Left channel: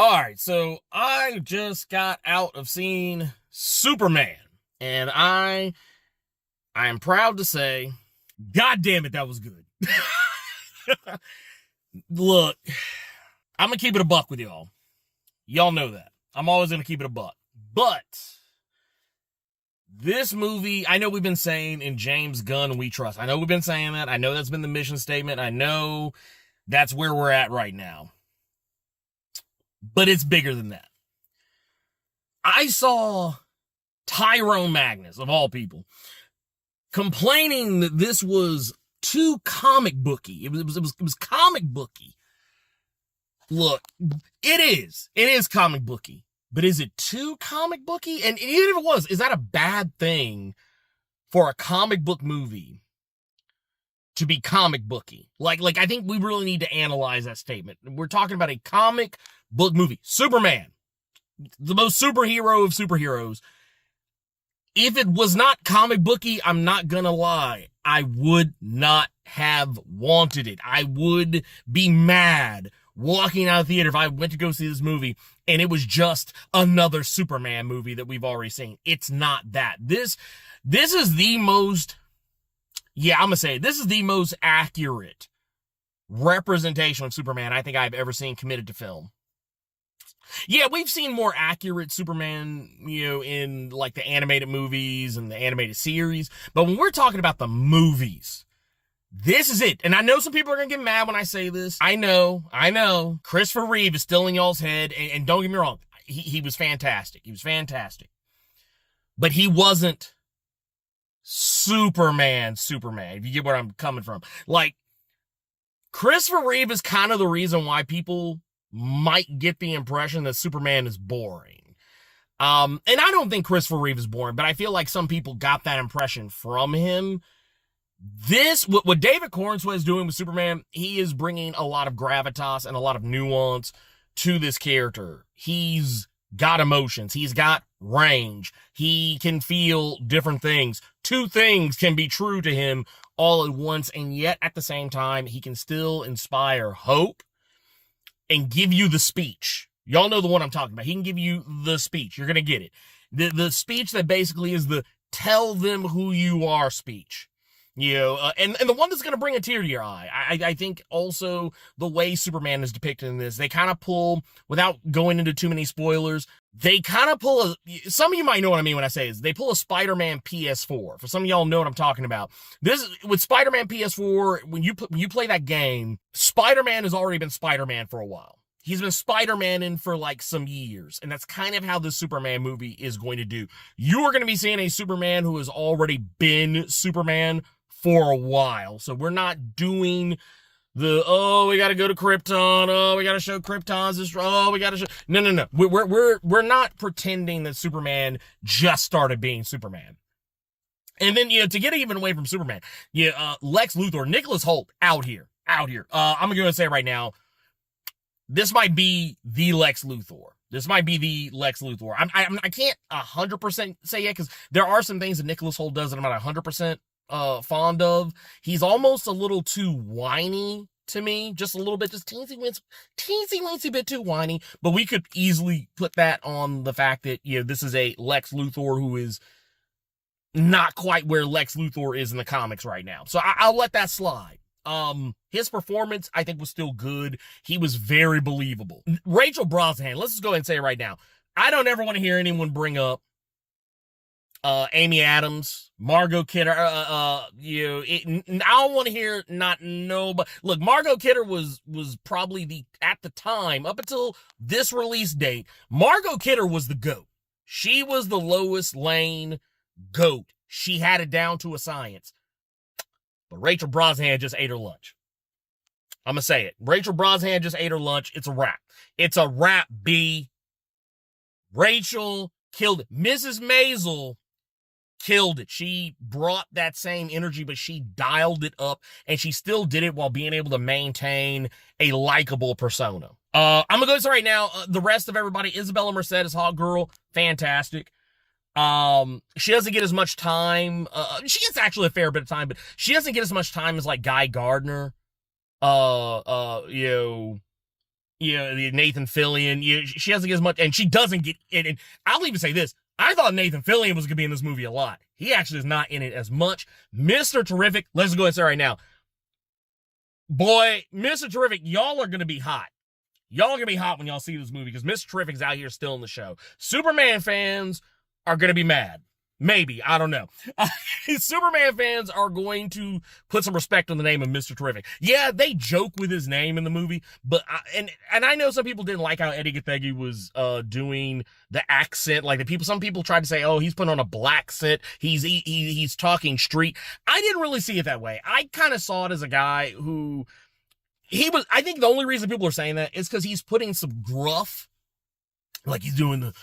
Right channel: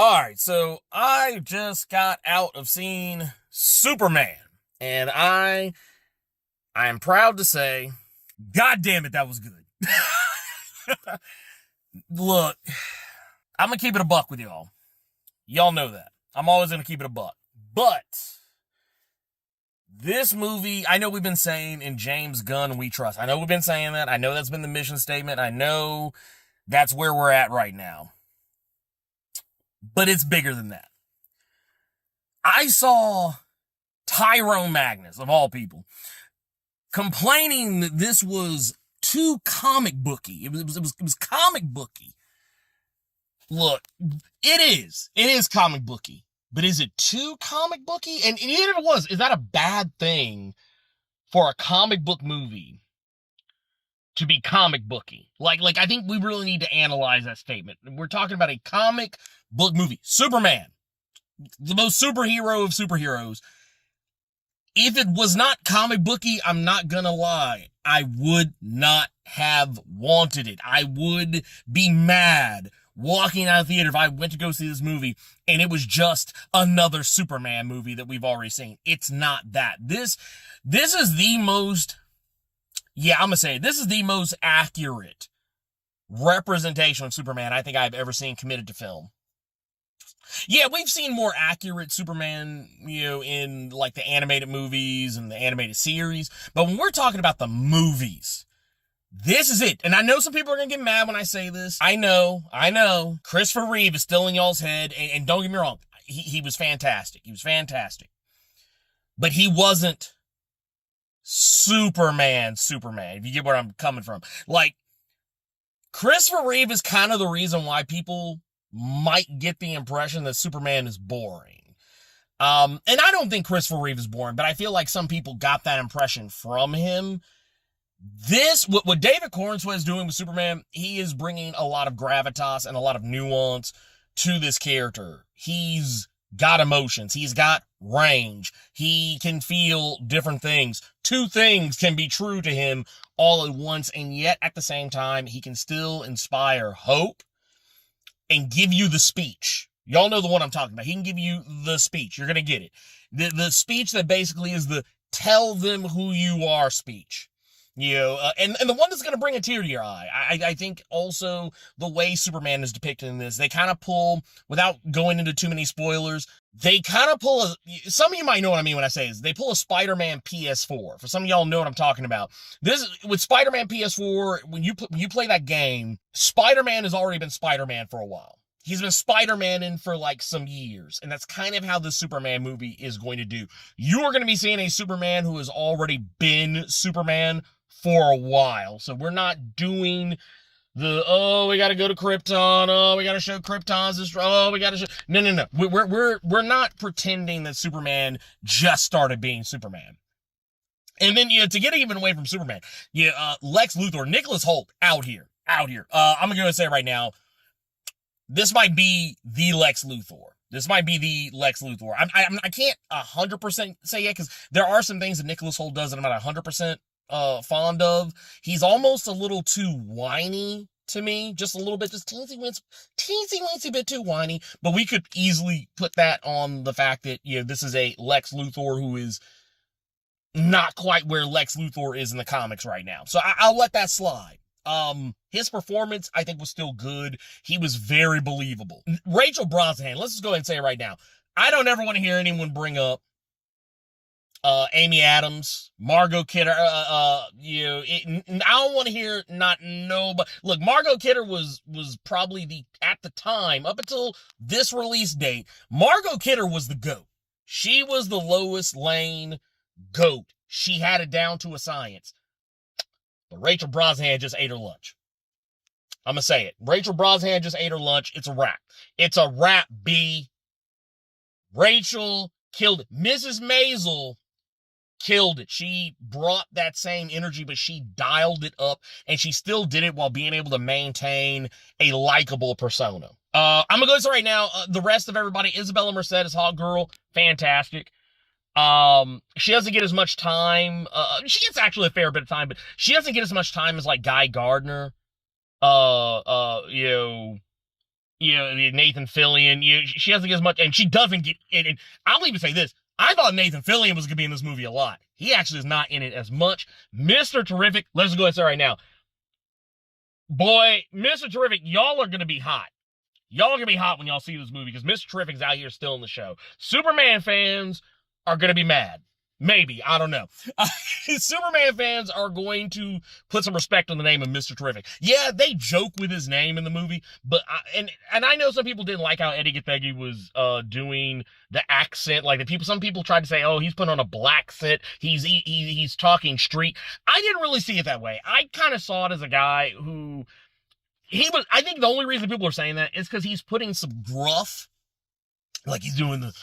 Alright, so I just got out of seeing Superman, and I am proud to say, God damn it, that was good. Look, I'm gonna keep it a buck with y'all. Y'all know that. I'm always gonna keep it a buck. But this movie, I know we've been saying in James Gunn we trust. I know we've been saying that. I know that's been the mission statement. I know that's where we're at right now. But it's bigger than that. I saw Tyrone Magnus, of all people, complaining that this was too comic booky. It was comic booky. Look, it is comic booky, but is it too comic booky? And even if it was, is that a bad thing for a comic book movie to be comic booky? Like I think we really need to analyze that statement. We're talking about a comic book movie. Superman, the most superhero of superheroes. If it was not comic booky, I'm not gonna lie, I would not have wanted it. I would be mad walking out of the theater if I went to go see this movie and it was just another Superman movie that we've already seen. It's not that. This is the most, I'm gonna say, this is the most accurate representation of Superman I think I've ever seen committed to film. Yeah, we've seen more accurate Superman, in like the animated movies and the animated series. But when we're talking about the movies, this is it. And I know some people are going to get mad when I say this. I know. Christopher Reeve is still in y'all's head. And don't get me wrong. He was fantastic. He was fantastic. But he wasn't Superman, if you get where I'm coming from. Like, Christopher Reeve is kind of the reason why people might get the impression that Superman is boring. And I don't think Christopher Reeve is boring, but I feel like some people got that impression from him. What David Corenswet is doing with Superman, he is bringing a lot of gravitas and a lot of nuance to this character. He's got emotions. He's got range. He can feel different things. Two things can be true to him all at once, and yet at the same time, he can still inspire hope and give you the speech. Y'all know the one I'm talking about. He can give you the speech. You're going to get it. The speech that basically is the tell them who you are speech. And the one that's going to bring a tear to your eye. I think also the way Superman is depicted in this, they kind of pull, without going into too many spoilers, they kind of pull some of you might know what I mean when I say this, they pull a Spider-Man PS4. For some of y'all know what I'm talking about. This, with Spider-Man PS4, when you play that game, Spider-Man has already been Spider-Man for a while. He's been Spider-Man-ing for like some years, and that's kind of how this Superman movie is going to do. You are going to be seeing a Superman who has already been Superman for a while. So we're not doing we got to go to Krypton. We got to show Krypton's we got to show. No. We're not pretending that Superman just started being Superman. And then, to get even away from Superman, Lex Luthor, Nicholas Hoult, out here. I'm going to say right now, this might be the Lex Luthor. I can't 100% say yet, because there are some things that Nicholas Hoult does that I'm not 100% fond of. He's almost a little too whiny to me, just a little bit, just teensy bit too whiny. But we could easily put that on the fact that this is a Lex Luthor who is not quite where Lex Luthor is in the comics right now. So I'll let that slide. His performance, I think, was still good. He was very believable. Rachel Brosnahan, let's just go ahead and say it right now. I don't ever want to hear anyone bring up Amy Adams, Margot Kidder. I don't want to hear nobody. Look, Margot Kidder was probably at the time, up until this release date, Margot Kidder was the GOAT. She was the Lois Lane GOAT. She had it down to a science. But Rachel Brosnahan just ate her lunch. I'm going to say it. Rachel Brosnahan just ate her lunch. It's a wrap. It's a wrap, B. Rachel killed it. Mrs. Maisel killed it. She brought that same energy, but she dialed it up, and she still did it while being able to maintain a likable persona. I'm going to go say right now, the rest of everybody, Isabella Merced as Hawk Girl, fantastic. She doesn't get as much time. She gets actually a fair bit of time, but she doesn't get as much time as like Guy Gardner. Nathan Fillion. She doesn't get as much, and she doesn't get. And I'll even say this: I thought Nathan Fillion was gonna be in this movie a lot. He actually is not in it as much. Mr. Terrific. Let's go ahead and say right now, boy, Mr. Terrific, y'all are gonna be hot. Y'all are gonna be hot when y'all see this movie because Mr. Terrific's out here still in the show. Superman fans are gonna be mad. Maybe. I don't know. Superman fans are going to put some respect on the name of Mr. Terrific. Yeah, they joke with his name in the movie, but I know some people didn't like how Eddie Gathegi was doing the accent. Like some people tried to say, oh, he's putting on a black accent. He's talking street. I didn't really see it that way. I kind of saw it as a guy who I think the only reason people are saying that is because he's putting some gruff, like he's doing the,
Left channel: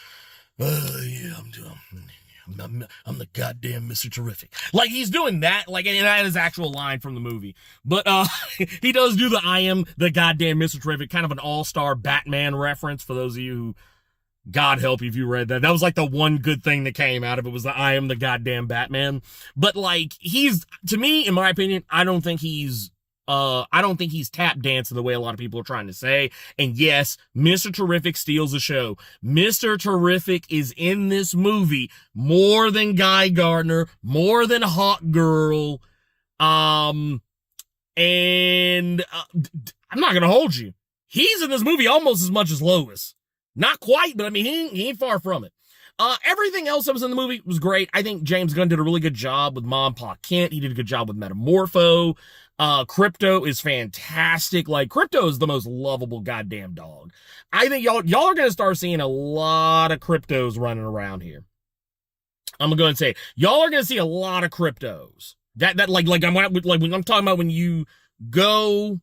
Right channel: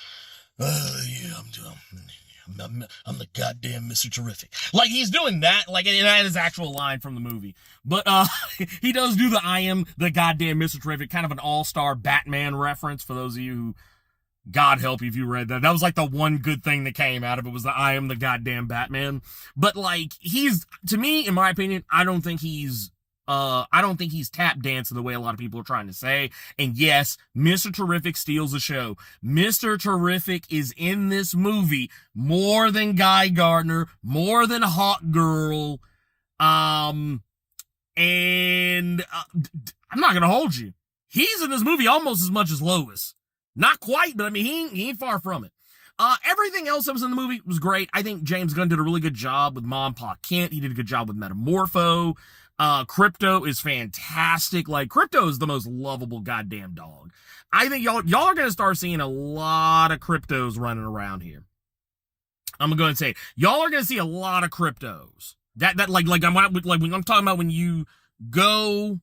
I'm the goddamn Mr. Terrific. Like he's doing that, like, and that is actual line from the movie. But he does do the I am the goddamn Mr. Terrific, kind of an all-star Batman reference for those of you who, God help you if you read that. That was like the one good thing that came out of it was the I am the goddamn Batman. But like to me, in my opinion, I don't think he's tap dancing the way a lot of people are trying to say. And yes, Mr. Terrific steals the show. Mr. Terrific is in this movie more than Guy Gardner, more than Hawk Girl. And I'm not gonna hold you. He's in this movie almost as much as Lois. Not quite, but I mean, he ain't far from it. Everything else that was in the movie was great. I think James Gunn did a really good job with Mom, Pa Kent. He did a good job with Metamorpho. Crypto is fantastic. Like, Crypto is the most lovable goddamn dog. I think y'all are gonna start seeing a lot of Cryptos running around here. I'm gonna go ahead and say, y'all are gonna see a lot of Cryptos. When I'm talking about when you go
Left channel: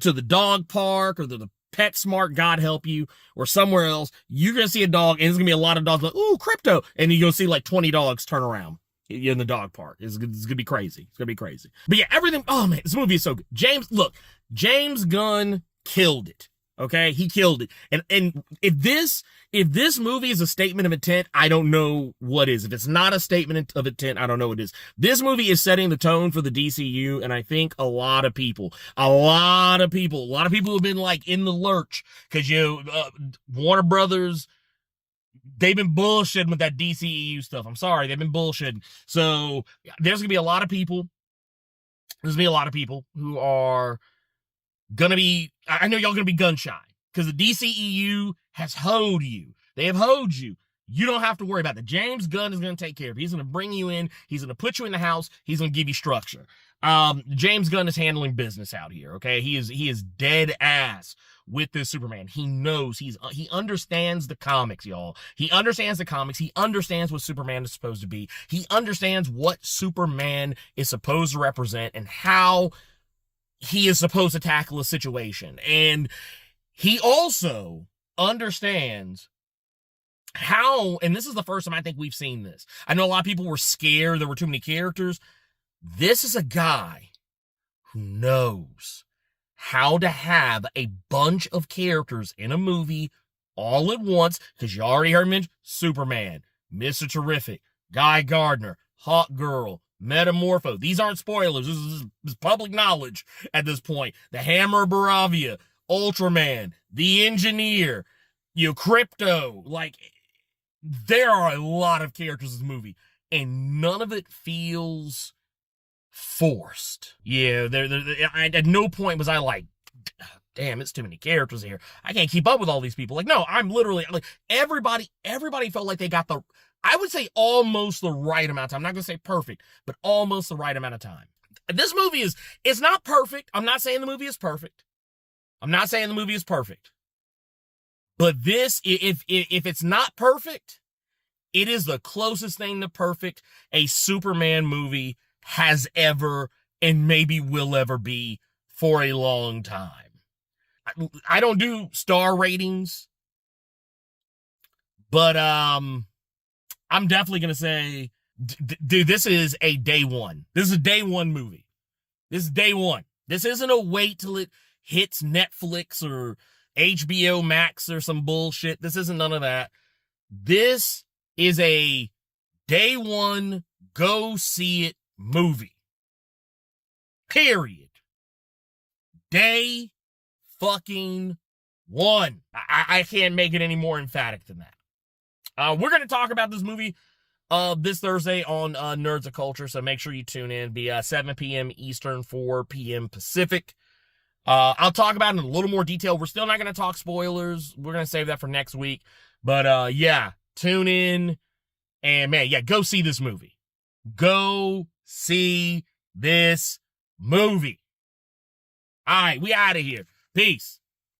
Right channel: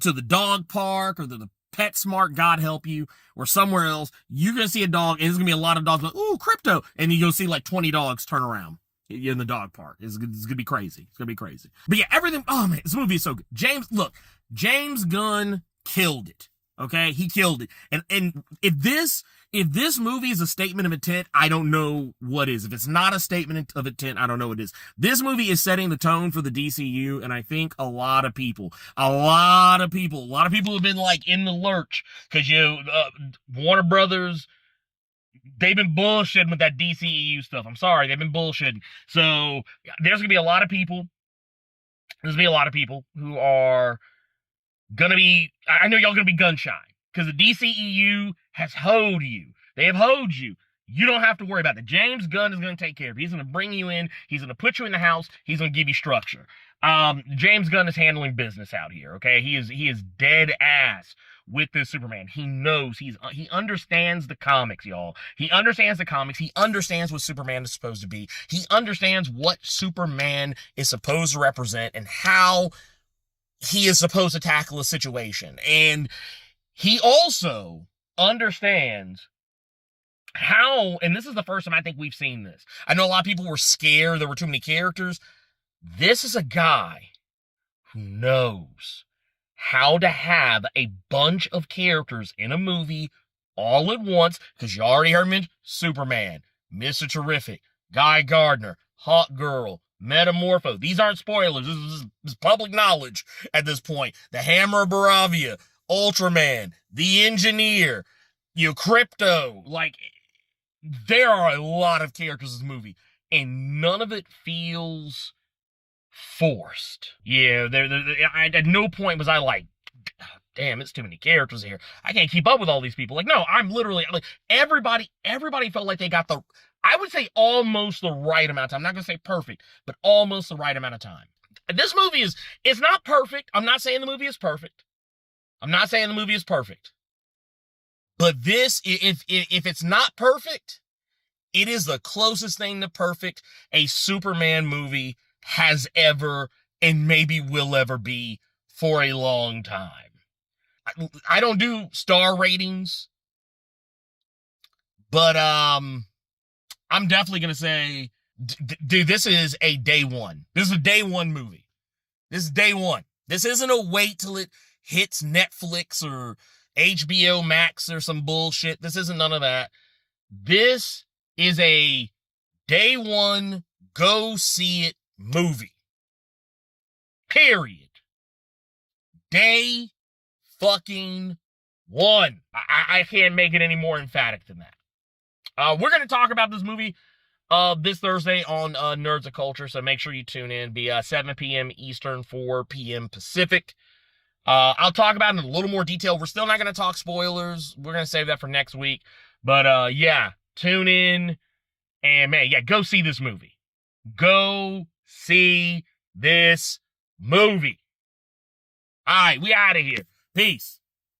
to the dog park or the PetSmart, God help you, or somewhere else, you're gonna see a dog, and there's gonna be a lot of dogs like, ooh, Crypto, and you're gonna see like 20 dogs turn around in the dog park. It's gonna be crazy. It's gonna be crazy. But yeah, everything. Oh man, this movie is so good. James Gunn killed it. Okay, he killed it. And if this movie is a statement of intent, I don't know what is. If it's not a statement of intent, I don't know what it is. This movie is setting the tone for the DCU, and I think a lot of people have been like in the lurch because Warner Brothers. They've been bullshitting with that DCEU stuff. I'm sorry, they've been bullshitting. So there's gonna be a lot of people. There's gonna be a lot of people who are gonna be. I know y'all gonna be gun shy because the DCEU has hoed you. They have hoed you. You don't have to worry about it. James Gunn is gonna take care of it. He's gonna bring you in. He's gonna put you in the house. He's gonna give you structure. James Gunn is handling business out here. Okay, he is dead ass with this Superman. He knows he understands the comics, y'all. He understands the comics. He understands what Superman is supposed to be. He understands what Superman is supposed to represent and how he is supposed to tackle a situation. And he also understands how, and this is the first time I think we've seen this. I know a lot of people were scared there were too many characters. This is a guy who knows how to have a bunch of characters in a movie all at once, because you already heard me, Superman, Mr. Terrific, Guy Gardner, Hawk Girl, Metamorpho. These aren't spoilers. This is public knowledge at this point. The Hammer of Baravia, Ultraman, The Engineer, Crypto. Like, there are a lot of characters in this movie, and none of it feels forced. Yeah, at no point was I like, damn, it's too many characters here. I can't keep up with all these people. Like, no, I'm literally, like, everybody felt like they got I would say almost the right amount of time. I'm not going to say perfect, but almost the right amount of time. This movie it's not perfect. I'm not saying the movie is perfect. But this, if it's not perfect, it is the closest thing to perfect a Superman movie has ever and maybe will ever be for a long time. I don't do star ratings, but I'm definitely going to say, dude, this is a day one. This is a day one movie. This is day one. This isn't a wait till it hits Netflix or HBO Max or some bullshit. This isn't none of that. This is a day one, go see it movie. Period. Day fucking One. I can't make it any more emphatic than that. We're going to talk about this movie this Thursday on Nerds of Culture, so make sure you tune in. Be 7 p.m. Eastern, 4 p.m. Pacific. I'll talk about it in a little more detail. We're still not going to talk spoilers. We're going to save that for next week. But yeah, tune in. And man, yeah, go see this movie. Go see this movie. All right, we out of here. Peace.